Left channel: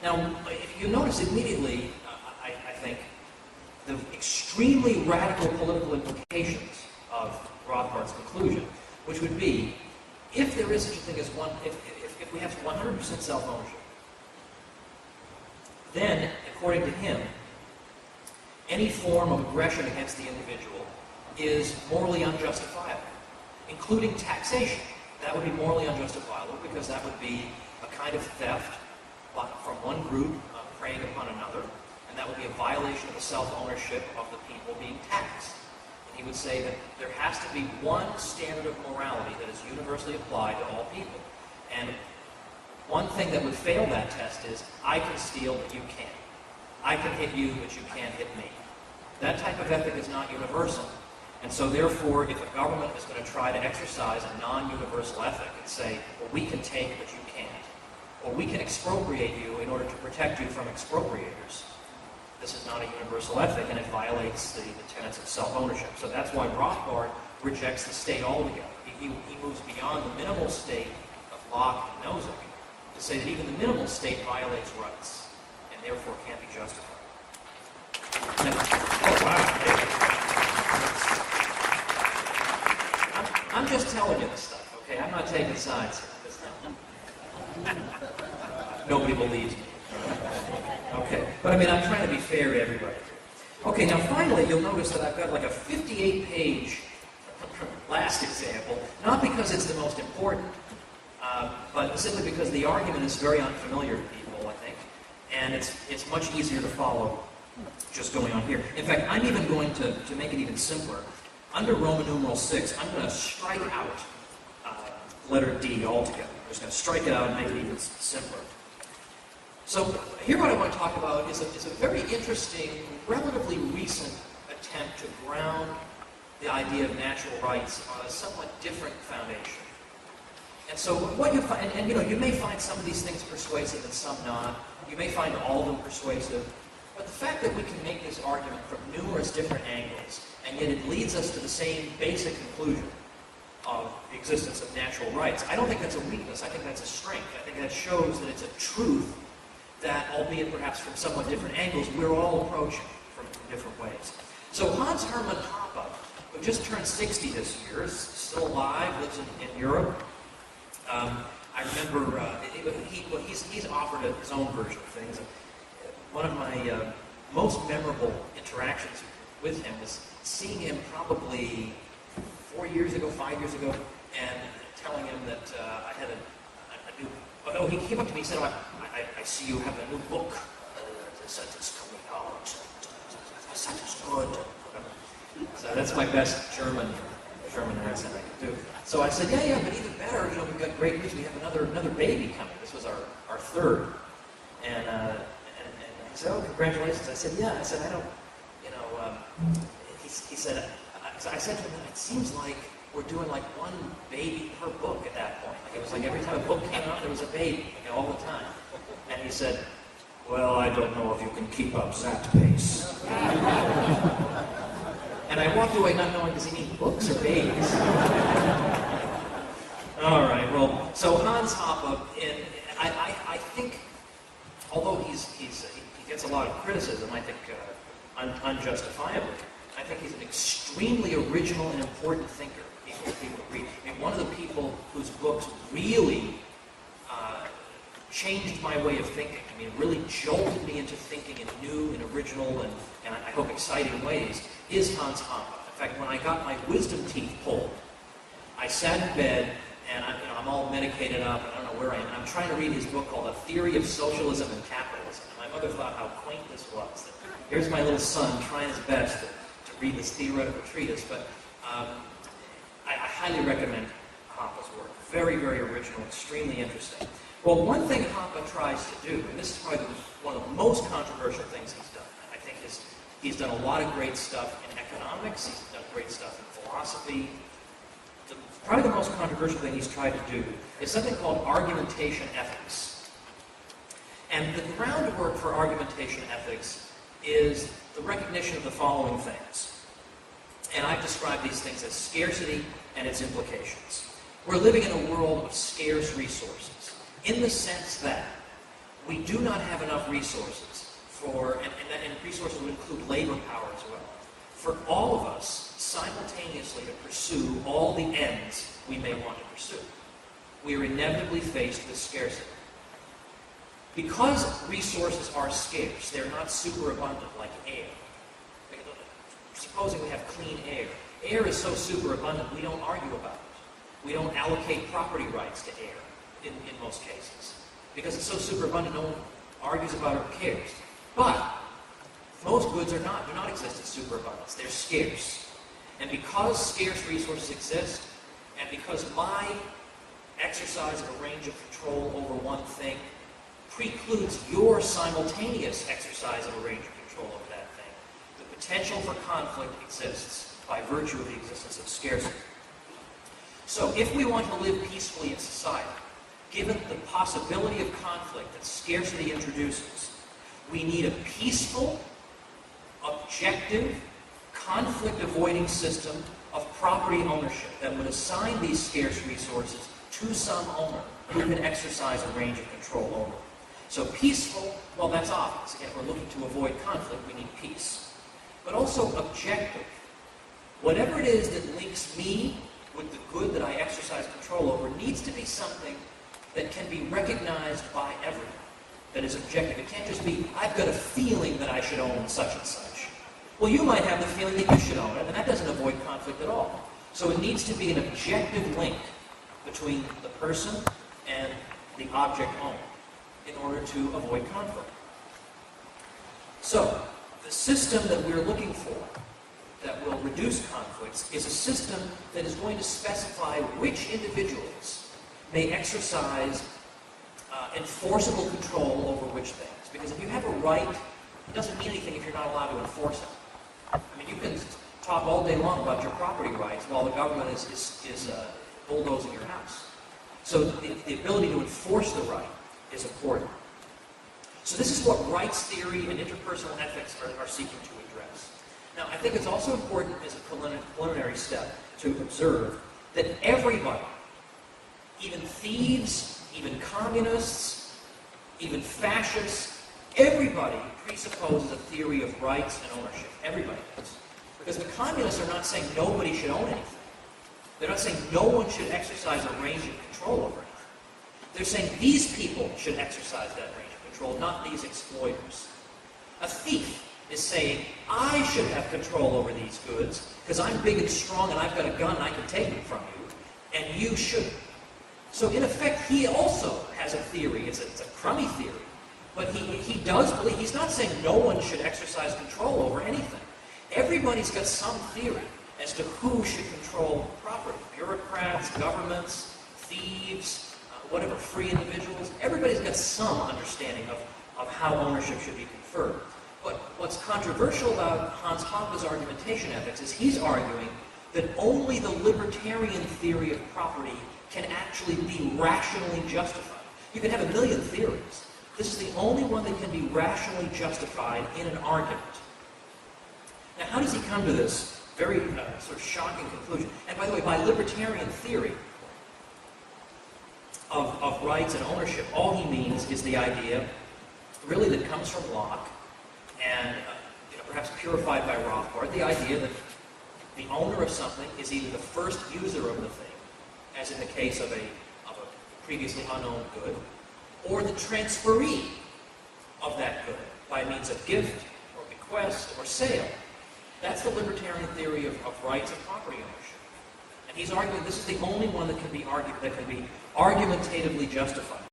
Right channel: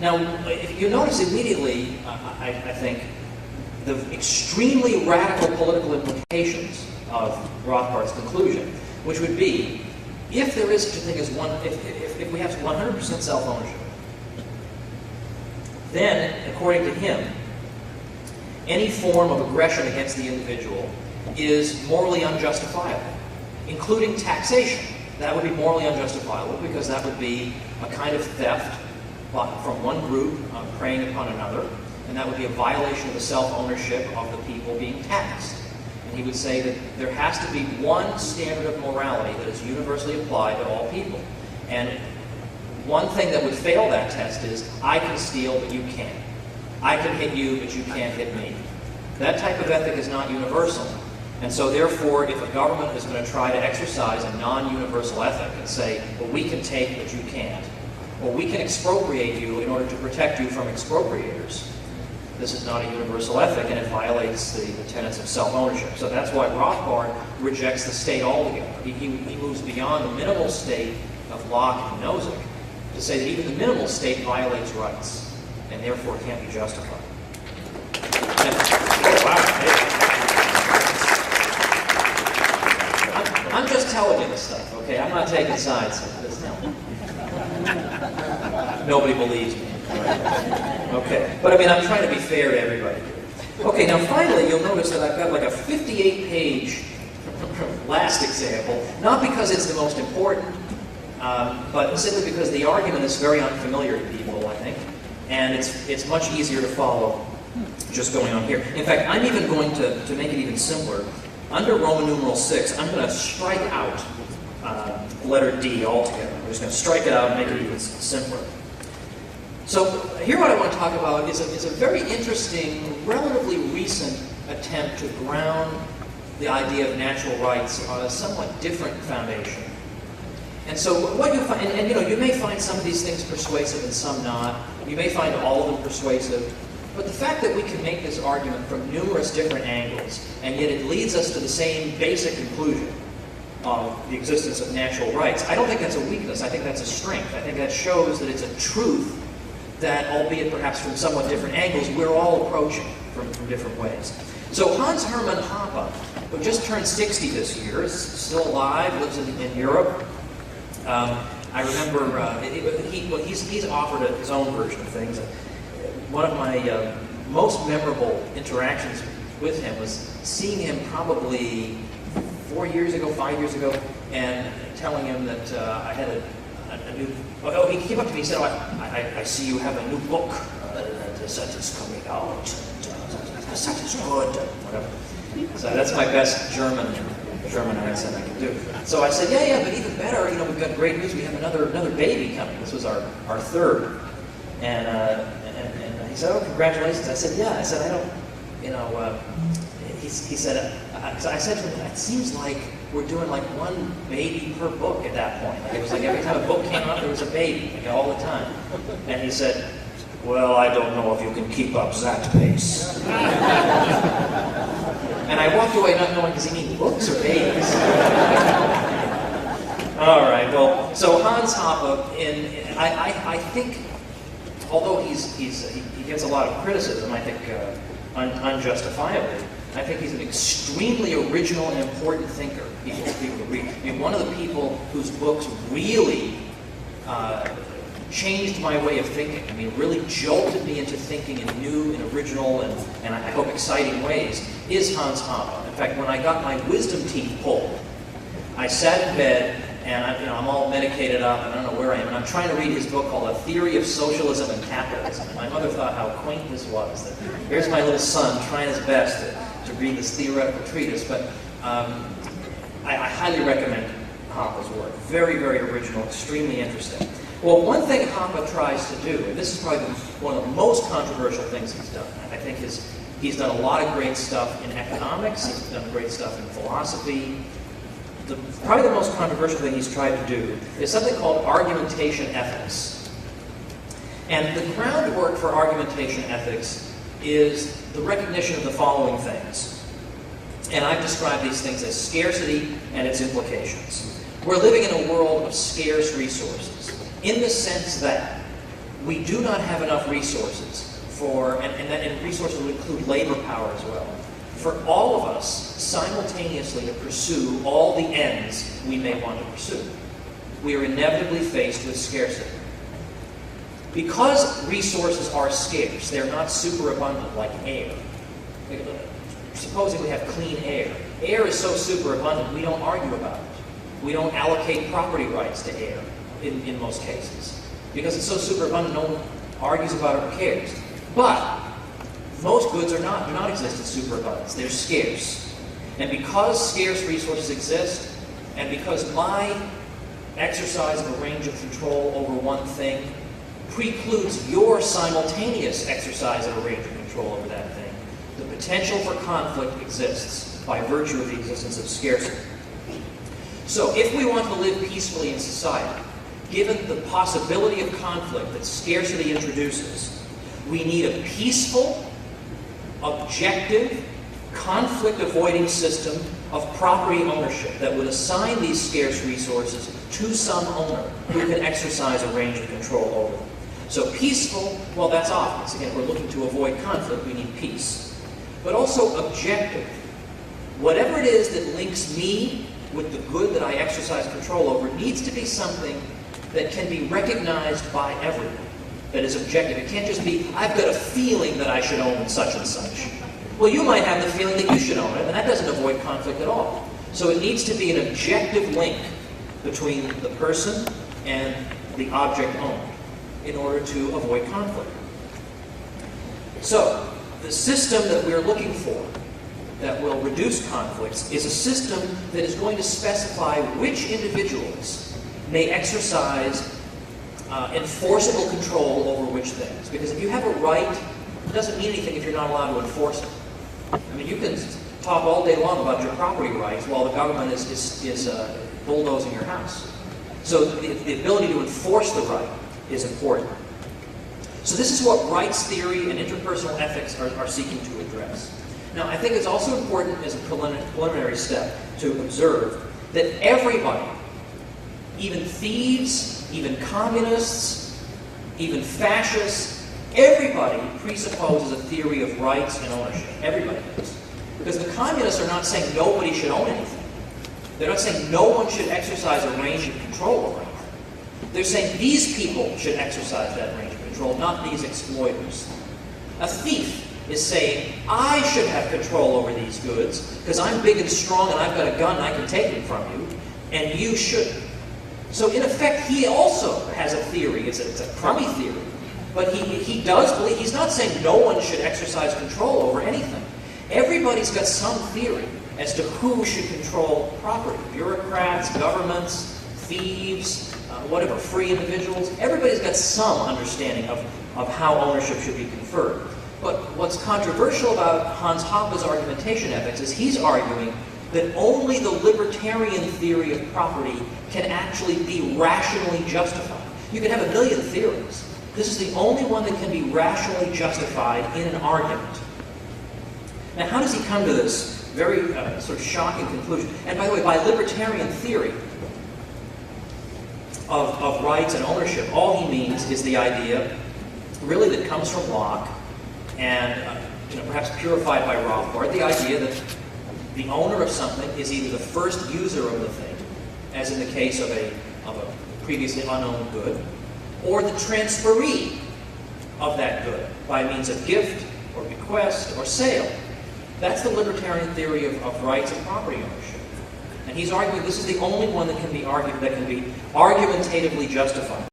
Now, if you notice immediately, I think, the extremely radical political implications of Rothbard's conclusion, which would be, if there is such a thing as if we have 100% self-ownership, then, according to him, any form of aggression against the individual is morally unjustifiable, including taxation. That would be morally unjustifiable because that would be a kind of theft from one group preying upon another, and that would be a violation of the self-ownership of the people being taxed. And he would say that there has to be one standard of morality that is universally applied to all people. And one thing that would fail that test is, I can steal, but you can't. I can hit you, but you can't hit me. That type of ethic is not universal. And so therefore, if a government is going to try to exercise a non-universal ethic and say, well, we can take, but you can't, or we can expropriate you in order to protect you from expropriators, this is not a universal ethic, and it violates the tenets of self-ownership. So that's why Rothbard rejects the state altogether. He moves beyond the minimal state of Locke and Nozick to say that even the minimal state violates rights, and therefore can't be justified. Oh, wow. I'm just telling you this stuff, okay? I'm not taking sides here. Nobody believes me. Okay, but I mean, I'm trying to be fair to everybody here. Okay, now finally, you'll notice that I've got like a 58-page last example, not because it's the most important, but simply because the argument is very unfamiliar to people, I think, and it's much easier to follow just going on here. In fact, I'm even going to make it even simpler. Under Roman numeral 6, I'm going to strike out letter D altogether. I'm just going to strike it out and make it even simpler. So here what I want to talk about is a very interesting, relatively recent attempt to ground the idea of natural rights on a somewhat different foundation. And so what you find, and you know, you may find some of these things persuasive and some not. You may find all of them persuasive. But the fact that we can make this argument from numerous different angles, and yet it leads us to the same basic conclusion of the existence of natural rights, I don't think that's a weakness. I think that's a strength. I think that shows that it's a truth that, albeit perhaps from somewhat different angles, we're all approaching from different ways. So Hans Hermann Hoppe, who just turned 60 this year, is still alive, lives in Europe. I remember he's offered his own version of things. One of my most memorable interactions with him was seeing him probably 4 years ago, 5 years ago, and telling him that I had a new... Oh, he came up to me and said, oh, I see you have a new book that is coming out. That is good. Whatever. So that's my best German accent I can do. So I said, yeah, but even better, you know, we've got great news. We have another baby coming. This was our third. And he said, oh, congratulations. I said, yeah. I said, I don't, you know, he said, I said to him, it seems like we're doing like one baby per book at that point. Like it was like every time a book came out, there was a baby, like all the time. And he said, well, I don't know if you can keep up that pace. And I walked away not knowing, does he mean books or babies? All right, well, so Hans Hoppe, I think, although he gets a lot of criticism, I think unjustifiably, I think he's an extremely original and important thinker. People to read. I mean, one of the people whose books really changed my way of thinking. I mean, really jolted me into thinking in new and original and I hope exciting ways is Hans Hoppe. In fact, when I got my wisdom teeth pulled, I sat in bed and I'm all medicated up and I don't know where I am, and I'm trying to read his book called A Theory of Socialism and Capitalism. And my mother thought how quaint this was, that here's my little son trying his best to read this theoretical treatise, but I highly recommend Hoppe's work. Very, very original, extremely interesting. Well, one thing Hoppe tries to do, and this is probably one of the most controversial things he's done, I think he's done a lot of great stuff in economics, he's done great stuff in philosophy. Probably the most controversial thing he's tried to do is something called argumentation ethics. And the groundwork for argumentation ethics is the recognition of the following things. And I've described these things as scarcity and its implications. We're living in a world of scarce resources, in the sense that we do not have enough resources for, and resources would include labor power as well, for all of us simultaneously to pursue all the ends we may want to pursue. We are inevitably faced with scarcity. Because resources are scarce, they're not superabundant like air. Supposing we have clean air. Air is so superabundant, we don't argue about it. We don't allocate property rights to air in most cases. Because it's so superabundant, no one argues about it or cares. But most goods do not exist in superabundance. They're scarce. And because scarce resources exist, and because my exercise of a range of control over one thing precludes your simultaneous exercise of a range of control over that thing, the potential for conflict exists by virtue of the existence of scarcity. So if we want to live peacefully in society, given the possibility of conflict that scarcity introduces, we need a peaceful, objective, conflict-avoiding system of property ownership that would assign these scarce resources to some owner who can exercise a range of control over them. So peaceful, well, that's obvious. Again, if we're looking to avoid conflict, we need peace. But also objective. Whatever it is that links me with the good that I exercise control over needs to be something that can be recognized by everyone, that is objective. It can't just be, I've got a feeling that I should own such and such. Well, you might have the feeling that you should own it, and that doesn't avoid conflict at all. So it needs to be an objective link between the person and the object owned in order to avoid conflict. So, the system that we're looking for that will reduce conflicts is a system that is going to specify which individuals may exercise enforceable control over which things. Because if you have a right, it doesn't mean anything if you're not allowed to enforce it. I mean, you can talk all day long about your property rights while the government is bulldozing your house. So the ability to enforce the right is important. So this is what rights theory and interpersonal ethics are seeking to address. Now, I think it's also important as a preliminary step to observe that everybody, even thieves, even communists, even fascists, everybody presupposes a theory of rights and ownership. Everybody does. Because the communists are not saying nobody should own anything. They're not saying no one should exercise a range of control over anything. They're saying these people should exercise that range of control, not these exploiters. A thief is saying, I should have control over these goods because I'm big and strong and I've got a gun and I can take them from you, and you shouldn't. So in effect, he also has a theory. It's a crummy theory. But he does believe, he's not saying no one should exercise control over anything. Everybody's got some theory as to who should control property. Bureaucrats, governments, thieves, whatever, free individuals. Everybody's got some understanding of how ownership should be conferred. But what's controversial about Hans Hoppe's argumentation ethics is he's arguing that only the libertarian theory of property can actually be rationally justified. You can have a million theories. This is the only one that can be rationally justified in an argument. Now, how does he come to this very sort of shocking conclusion? And by the way, by libertarian theory of rights and ownership, all he means is the idea, really, that comes from Locke and perhaps purified by Rothbard, the idea that the owner of something is either the first user of the thing, as in the case of a previously unowned good, or the transferee of that good by means of gift or bequest or sale. That's the libertarian theory of rights and property ownership. And he's arguing this is the only one that can be argued, that can be argumentatively justified.